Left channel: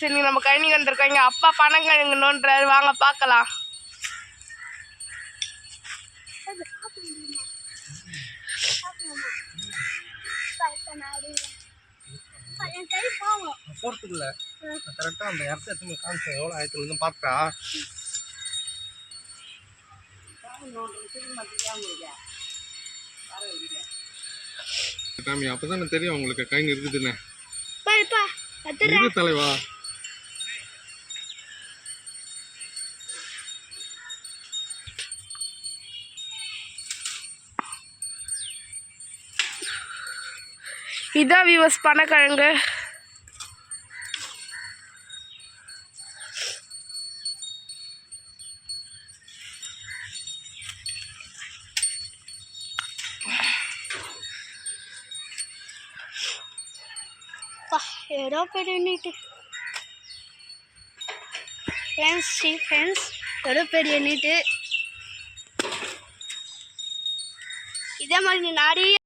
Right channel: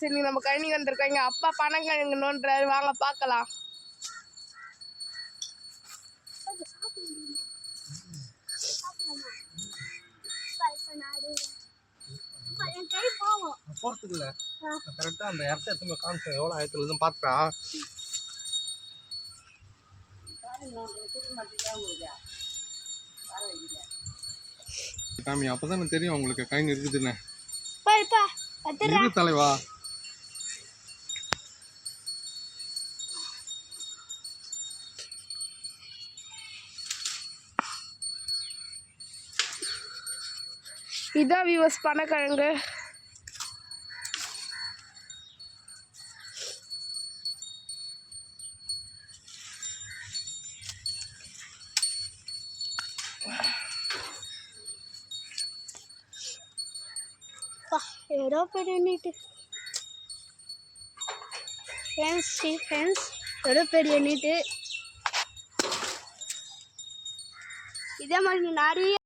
சரி நம்ம கழனி வந்திருக்கோம். எங்கள் அப்பா பனங்கிழங்கு நோண்டுறாரு, வாங்க பார்க்கலாம். போறதுக்குள்ள கரெக்டாக அந்த இடத்த எடுத்து காமிச்சேன், எவ்வளோ ஆயிரத்துலன்னு பார்த்துட்டா. சாமி அப்பதானே தெரியும் உங்களுக்கு கைன்னு இருக்குதுன்னு. இரு தலைவா. இதான் வியூவர்ஸ் பனக்கிழங்கு. ஏதோ பெரிய நீட்டு ஃப்ரெண்ட்ஸ், ஏதோ பெரிய நீட்டு. இதே மாதிரி நிறைய